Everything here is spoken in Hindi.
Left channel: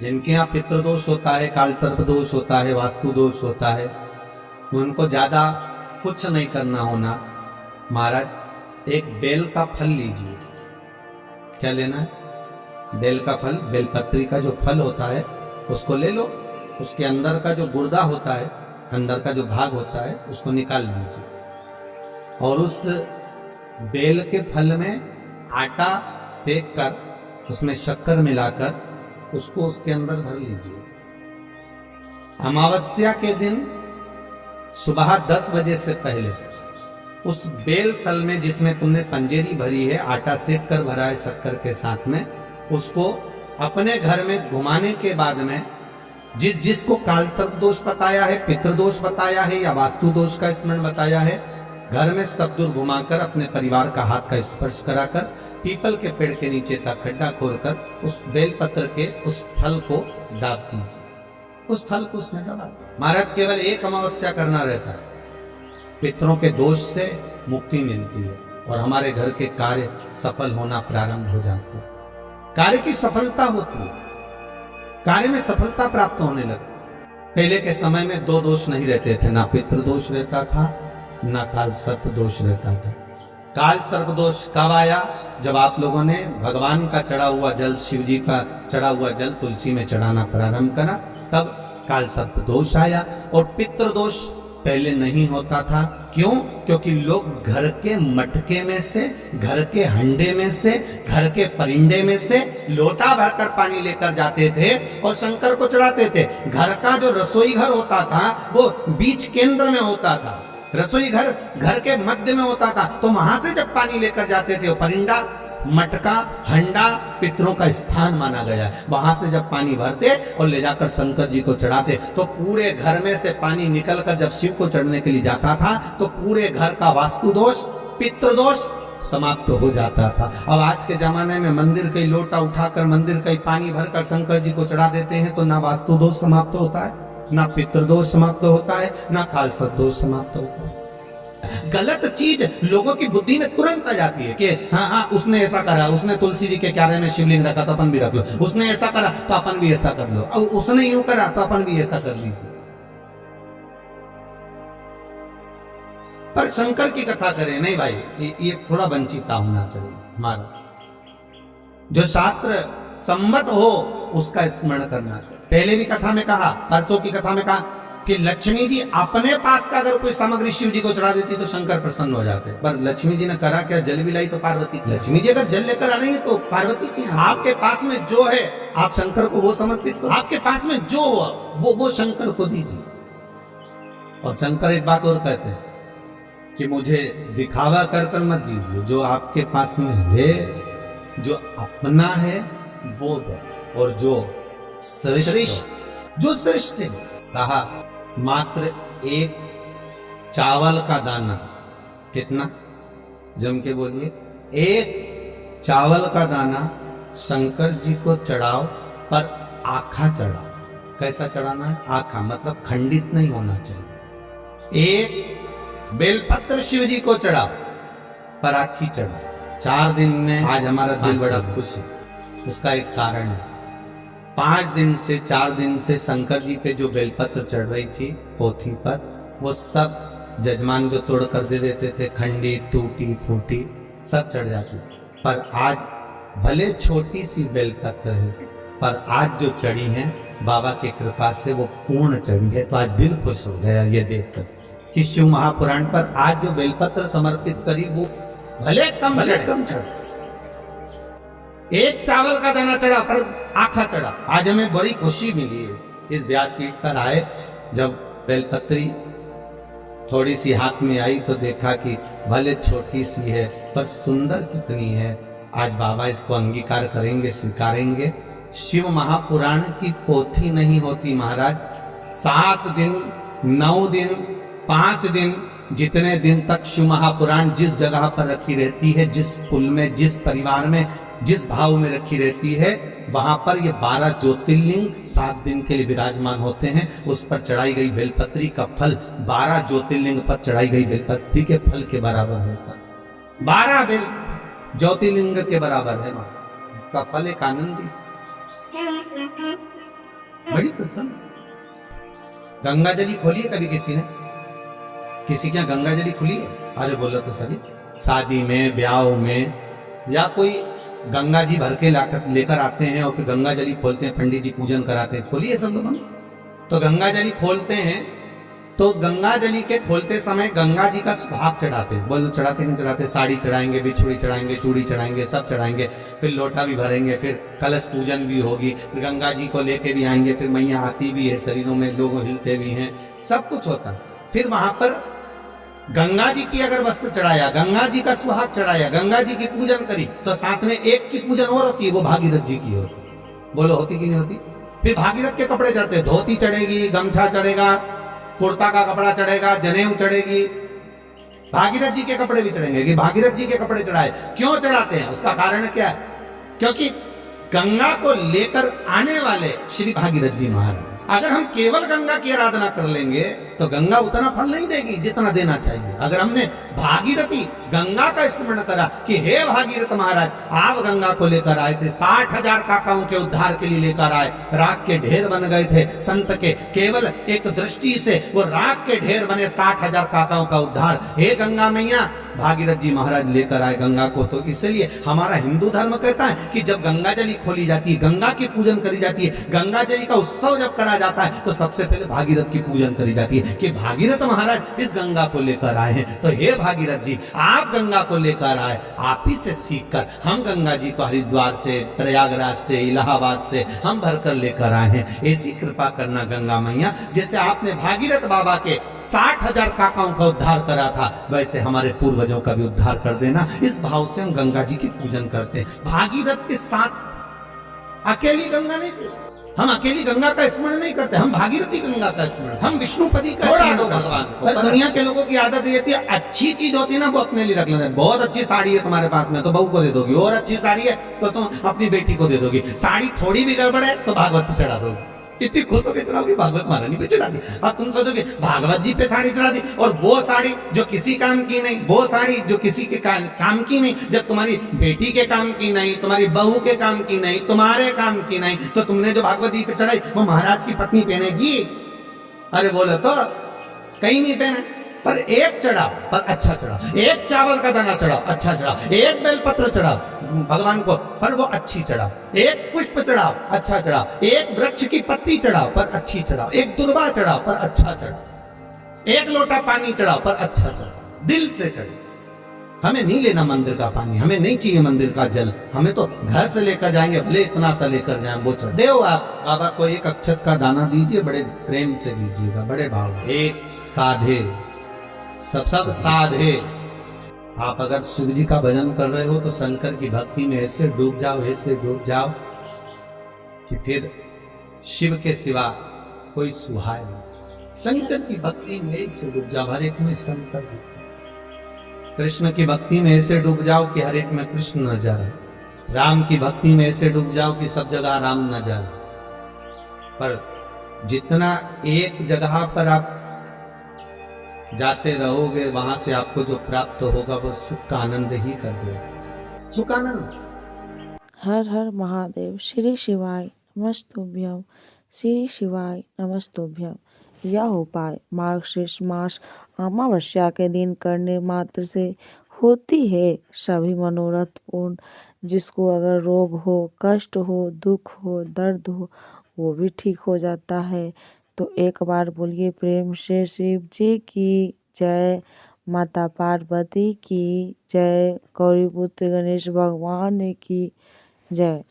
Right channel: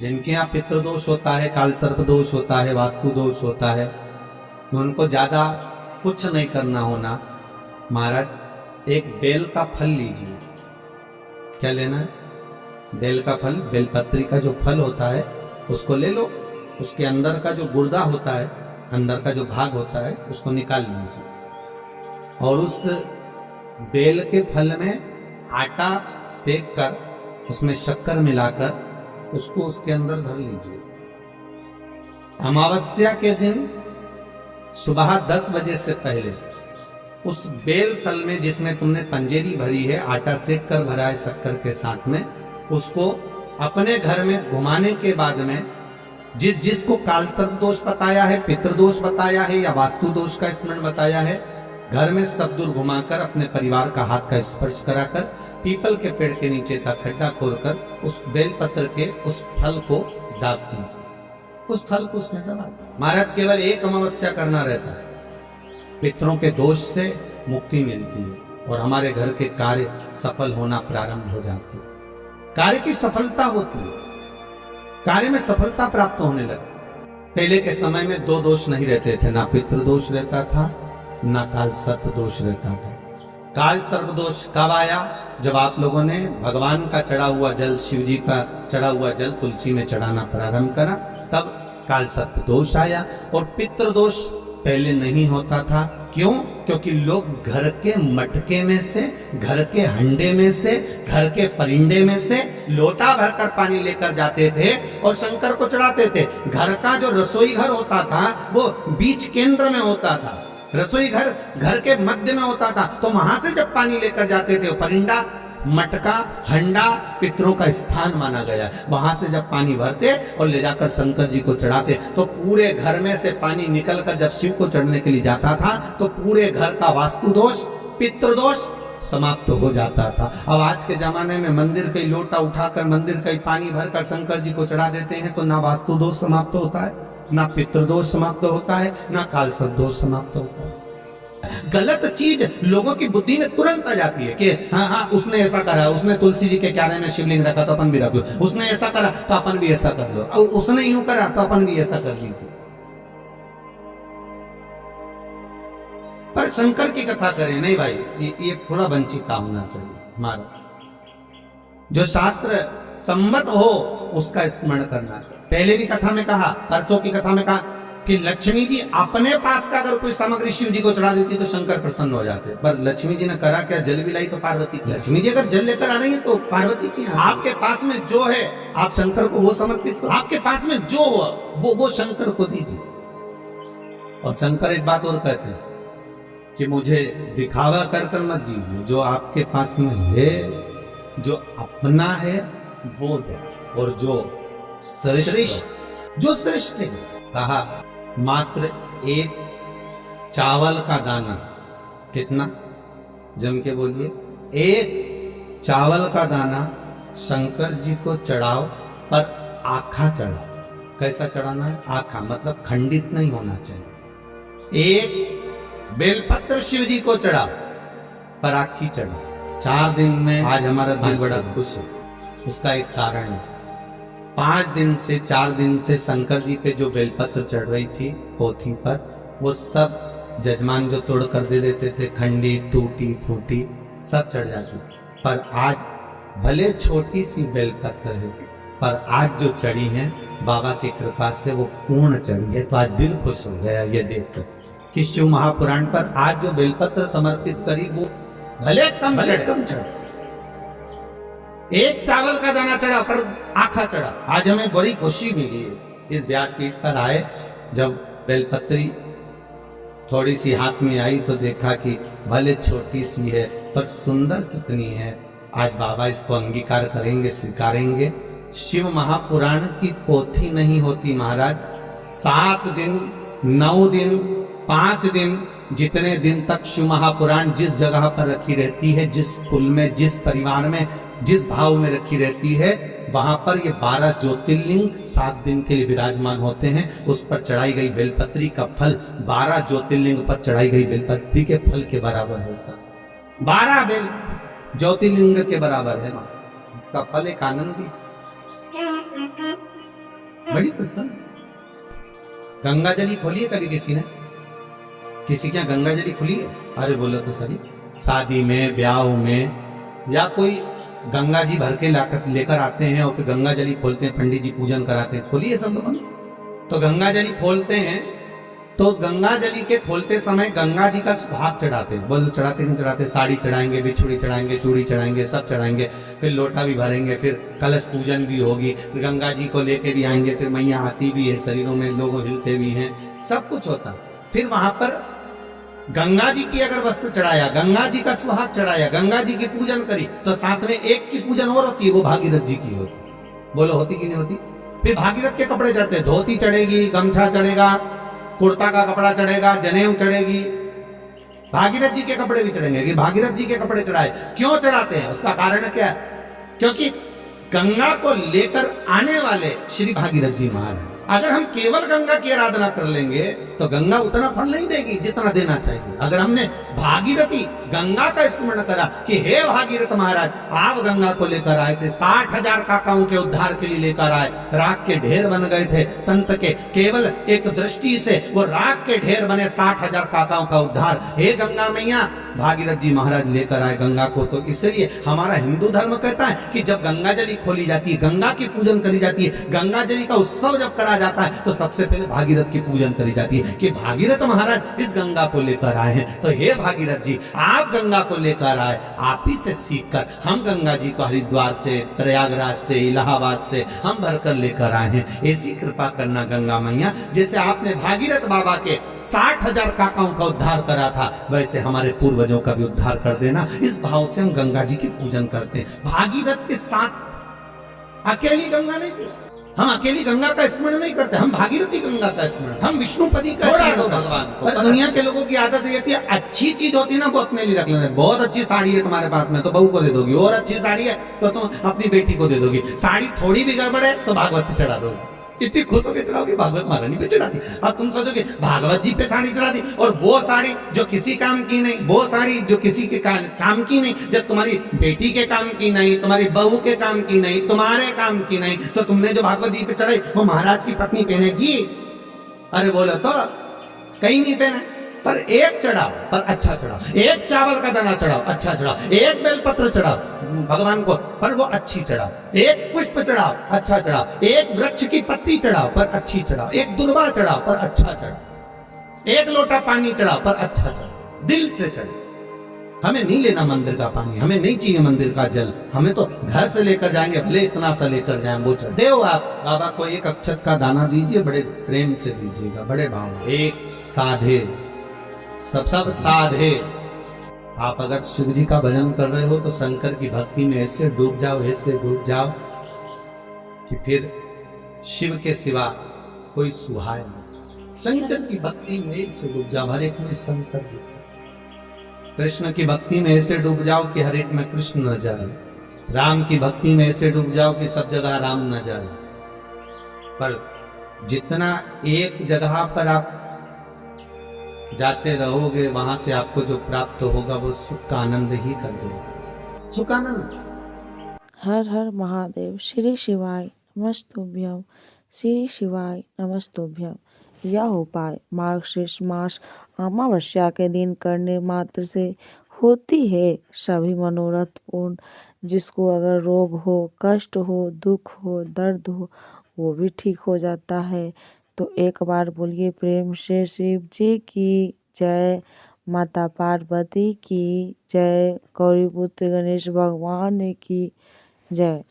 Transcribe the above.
जिनके यहाँ पितृदोष होता है, काल सर्प दोष होता है, वास्तु दोष होता है, उनको ज्यादा कुछ नहीं करना होना। महाराज एक बेल का फल लीजिए। क्या लेना है? बेल का फल, बेलपत्री का जो फल होता है उसको ले लो। उसके अंदर का जो गुर्दा होता है, अंदर का जो भाग होता है, उसको निकाल लीजिए और उस बेल के फल में आटा सेक कर उसमें शक्कर मिलाकर उसको उसके अंदर भर लीजिए। अमावस्या के दिन सुबह 10 बजे से पहले उस बेल फल में, जिसमें तुमने पंजेरी भरी है, आटा सेक कर भरा है शक्कर के साथ में, उसको अपने घर में घुमाने के बाद में जिसको काल सर्प दोष बताया है, पितृदोष बताया है या वास्तु दोष का स्मरण बताया है, घर में सब दूर घुमाकर अपने परिवार का हाथ का स्पर्श कराकर पीपल के पेड़ के नीचे का खड्डा खोदकर उस बेलपत्र के उस फल को दाब दीजिए। उस फल को उसमें दबा दीजिए। महाराज केवल एक अमावस्या करना रहता है, पितरों के दोष से मुक्ति मिलती है और हमारे घर के कार्य सफल होना प्रारंभ हो जाते हैं। कार्य की सफलता होती है, कार्य में सफलता प्राप्त होने लगती। पहले के समय में 2 दोष नहीं रहते थे, ना पितृदोष रहता था ना काल सर्प दोष रहता था। काल सर्प दोष कब आया? जब आप लोगों ने भगवान का चढ़ा हुआ जल, शिव जी का चढ़ा हुआ जल तुलसी में चढ़ाना प्रारंभ करा, तब काल सर्प दोष आया। और पितृदोष पहले नहीं होता था। क्यों? क्योंकि लोग घर के मटके में से, घर के हंडे में से, घर के परिंडे में से लोटा भरकर पानी लेकर जाते थे और शंकर को चढ़ाते थे। घर का जो रसोई घर होता था वो बीच केंद्र में होता था, रसोई घर घर के मध्य में होता था। तो वहां से जब पानी लेकर जाते थे, परिंडा, मटका, हंडा पितरों का स्थान माना गया। वहां से जब पानी भरते और ले जाकर शंकर जी को चढ़ाते तो पूरे घर में से पानी निकलकर जब शिव को चढ़ने के लिए जाता था तो पूरे घर का वास्तु दोष, पितृदोष समाप्त हो जाता था। अब आज के जमाने में मंदिर का लोटा उठाकर, मंदिर का पानी भरकर शंकर जी को चढ़ा देते हैं तो ना वास्तु दोष समाप्त होता है, ना पितृदोष समाप्त होता है, ना काल सर्प दोष समाप्त होता है। गलत चीज लोगों की बुद्धि में तुरंत आ जाती है कि हाँ उसने ऐसा करा, उसने तुलसी जी के क्यारे में शिवलिंग रखा तो अपन भी रख लो, उसने ऐसा करा तो अपन भी ऐसा कर लो, उसने यूं करा तो अपन भी ऐसा कर लीजिए। पर शंकर की कथा करें नहीं भाई, ये थोड़ा वंचिता होना चाहिए। हमारा जो शास्त्र सम्मत हो उसका स्मरण करना चाहिए। पहले भी कथा में कहा, परसों की कथा में कहा कि लक्ष्मी जी अपने पास का अगर कोई सामग्री शिव जी को चढ़ा देती तो शंकर प्रसन्न हो जाते। पर लक्ष्मी जी ने करा क्या? जल भी लाई तो पार्वती। लक्ष्मी जी अगर जल लेकर आ रही है तो पार्वती की आपके पास में जो है आप शंकर को वो समर्पित करो। आपके पास में जो हो वो शंकर को दीजिए। और शंकर एक बात और कहते हैं कि मुझे दिखावा कर कर मत दीजिए, जो आपके पास में है, जो अपना है वो दो, और जो श्रेष्ठ, जो श्रेष्ठ है, कहा मात्र एक चावल का दाना। कितना? जम के बोलिए। एक चावल का दाना शंकर जी को चढ़ाओ, पर आखा चढ़ाओ। कैसा चढ़ाना है? आखा, मतलब खंडित नहीं होना चाहिए। एक बेलपत्र शिव जी को चढ़ाओ, पर आखी चढ़ाओ। 4 दिन में आज हमारा दिल बड़ा खुश है। उसका एक कारण है। 5 दिन से 4 दिन से शंकर जी पे जो बेलपत्र चढ़ रही थी पोथी पर, वो सब जजमान जो तोड़ कर दे देते थे, खंडी, टूटी फूटी सब चढ़ जाती। पर आज भले छोटी सी बेलपत्र है, पर आज जो चढ़ी है बाबा की कृपा से वो पूर्ण चढ़ी है। तो आज दिल खुश हो गया ये देखकर कि शिव महापुराण पर आज जो बेलपत्र समर्पित करी वो भले कम चढ़े। एक चावल का दाना चढ़ा पर आखा चढ़ा। आज हमें बड़ी खुशी मिली है इस व्यासपीठ पर आए। जब बेलपत्री थोड़ी सी हाथ में आई तो देखा कि भले छोटी सी है पर सुंदर कितनी है। आज बाबा इसको अंगीकार करेंगे, स्वीकारेंगे। शिव महापुराण की पोथी नहीं होती महाराज। 7 दिन, 9 दिन, 5 दिन, जितने दिन तक शिव महापुराण जिस जगह पर रखी रहती है, जिस कुल में, जिस परिवार में, जिस भाव में रखी रहती है, वहां पर ये 12 ज्योतिर्लिंग 7 दिन के लिए विराजमान होते हैं। उस पर चढ़ाई गई बेलपत्री का फल 12 ज्योतिर्लिंग पर चढ़ाई गई बेलपत्री के फल के बराबर होता। 12 बेल ज्योतिर्लिंग के बराबर है। का फल एक आनंदी बड़ी प्रसन्न। गंगा जली खोली है कभी किसी ने? किसी के यहाँ गंगा जली खुली है? अरे बोलो तो सही। शादी में, ब्याह में, या कोई गंगा जी भर के लेकर आते हैं और फिर गंगा जली खोलते हैं, पंडित जी पूजन कराते हैं। खोली है सब लोगों ने? तो गंगा जली खोलते हैं तो उस गंगा जली के खोलते समय गंगा जी का सुहाग चढ़ाते हैं। बोलो चढ़ाते नहीं चढ़ाते? साड़ी चढ़ाएंगे, बिछुड़ी चढ़ाएंगे, चूड़ी चढ़ाएंगे, सब चढ़ाएंगे, फिर लोटा भी भरेंगे, फिर कलश पूजन भी होगी, फिर गंगा जी को लेके भी आएंगे, फिर मैया आती भी है, शरीरों में लोग हिलते भी हैं, सब कुछ होता है। फिर वहां पर गंगा जी की अगर वस्त्र चढ़ाया, गंगा जी का सुहाग चढ़ाया, गंगा जी की पूजन करी, तो साथ में एक की पूजन और होती है, वो भागीरथ जी की होती। बोलो होती कि नहीं होती? फिर भागीरथ के कपड़े चढ़ते, धोती चढ़ेगी, गमछा चढ़ेगा, कुर्ता का कपड़ा चढ़ेगा, जनेऊ चढ़ेगी, भागीरथ जी के कपड़े भी चढ़ेंगे। कि भागीरथ जी के कपड़े चढ़ाए, क्यों चढ़ाते हैं? उसका कारण क्या है? क्योंकि गंगा को लेकर आने वाले श्री भागीरथ जी महाराज। अगर हम केवल गंगा की आराधना कर लेंगे तो गंगा उतना फल नहीं देगी जितना देना चाहिए। अगर हमने भागीरथी गंगा का स्मरण करा कि हे भागीरथ महाराज, आप गंगा को लेकर आए थे, 60,000 काकाओं के उद्धार के लिए लेकर आए, राख के ढेर बन गए थे संत के, केवल एक दृष्टि से वो राख के ढेर बने, 60,000 काकाओं का उद्धार। हे गंगा मैया, भागीरथ जी महाराज लेकर आए गंगा को। तो इसलिए हमारा हिंदू धर्म कहता है कि जब गंगा जली खोली जाती है, गंगा की पूजन करी जाती है, गंगा जली का उत्सव जब करा जाता है, तो सबसे पहले भागीरथ की पूजन करी जाती है कि भागीरथ महाराज इस गंगा को लेकर आए हैं। तो हे भागीरथ जी, आप गंगा को लेकर आए, आप ही से सीखकर हम गंगा जी को हरिद्वार से, प्रयागराज से, इलाहाबाद से हम भरकर लेकर आए हैं। ऐसी कृपा करना गंगा मैया, जैसे आपने भागीरथ बाबा के 60,000 काकाओं का उद्धार करा था, वैसे हमारे पूर्वजों का भी उद्धार कर देना। इस भाव से हम गंगा जी की पूजन करते हैं। भागीरथ के साथ अकेली गंगा नहीं पूजते, हम अकेली गंगा का स्मरण नहीं करते, हम भागीरथी गंगा का स्मरण, हम विष्णुपदी का स्मरण करते। भगवान को पर दुनिया के लोगों की आदत ये थी, अच्छी चीज होती है ना वो अपने लिए रख लेते। बहुत अच्छी साड़ी है तुम्हारे पास में तो बहू को दे दोगी, और अच्छी साड़ी है तो तुम अपनी बेटी को दे दोगी, साड़ी थोड़ी भी गड़बड़ है तो भागवत पे चढ़ा दोगी। इतनी खुश होकर चढ़ाओगी, भागवत महारानी पे चढ़ा दी। अब तुम सोचोगे भागवत जी पे साड़ी चढ़ा दी, और वो साड़ी जो किसी काम की नहीं, वो साड़ी जो किसी के काम की नहीं, जब तुम्हारी बेटी के काम की नहीं, तुम्हारी बहू के काम की नहीं, तुम्हारे काम की नहीं, तो तुमने जो भागवत जी पे चढ़ाई वो महाराज की पत्नी पहनेगी? अरे बोलो तो कहीं नहीं पहने। पर एक चढ़ाओ पर अच्छा चढ़ाओ, एक चावल का दाना चढ़ाओ अच्छा चढ़ाओ, एक बेलपत्र चढ़ाओ भगवान को पर वो अच्छी चढ़ाओ, एक पुष्प चढ़ाओ अच्छा चढ़ाओ, एक वृक्ष की पत्ती चढ़ाओ पर अच्छी चढ़ाओ, एक दुर्वा चढ़ाओ पर अच्छा चढ़ाओ, एक लोटा पानी चढ़ाओ पर अच्छा चढ़ाओ। दिल से चढ़ाओ। हमें नहीं लेना मंदिर का पानी, हमें नहीं चाहिए मंदिर का जल, हमें तो घर से लेकर जाएंगे, भले इतना सा लेकर जाएं, वो चढ़ दे। आप बाबा को एक अक्षत का दाना दीजिए, बड़े प्रेम से दीजिएगा, बड़े भाव। एक साधे सब साधे। आप अगर शिव जी का भजन कर रहे हो तो शंकर की भक्ति में ऐसे डूब जाओ, ऐसे डूब जाओ कि फिर शिव के सिवा कोई सुहाय नहीं। शंकर की भक्ति में ऐसे डूब जाओ, हर एक में शंकर दिखे। कृष्ण की भक्ति में ऐसे डूब जाओ कि हर एक में कृष्ण नजर आए। राम की भक्ति में ऐसे डूब जाओ कि सब जगह राम नजर आए। पर जितना एक जगह पर आप जाते रहोगे, वहां से आपको जो प्राप्त होगा वो सुख का आनंद ही कर देगा, सुख आनंद। हर हर महादेव। श्री शिवाय नमस्तुभ्यम। श्री शिवाय नमस्तुभ्यम। यह उपाय मार्गशीर्ष मास अमावस्या के दिन करने मात्र से होती है सभी मनोरथ पूर्ण। जिसको अगर रोग हो, कष्ट हो, दुख हो, दर्द हो, वो भी ठीक हो जाता है। तो एक बार बोलिए प्रेम से शिव जी की जय, माता पार्वती की जय, गौरी पुत्र गणेश भगवान की जय।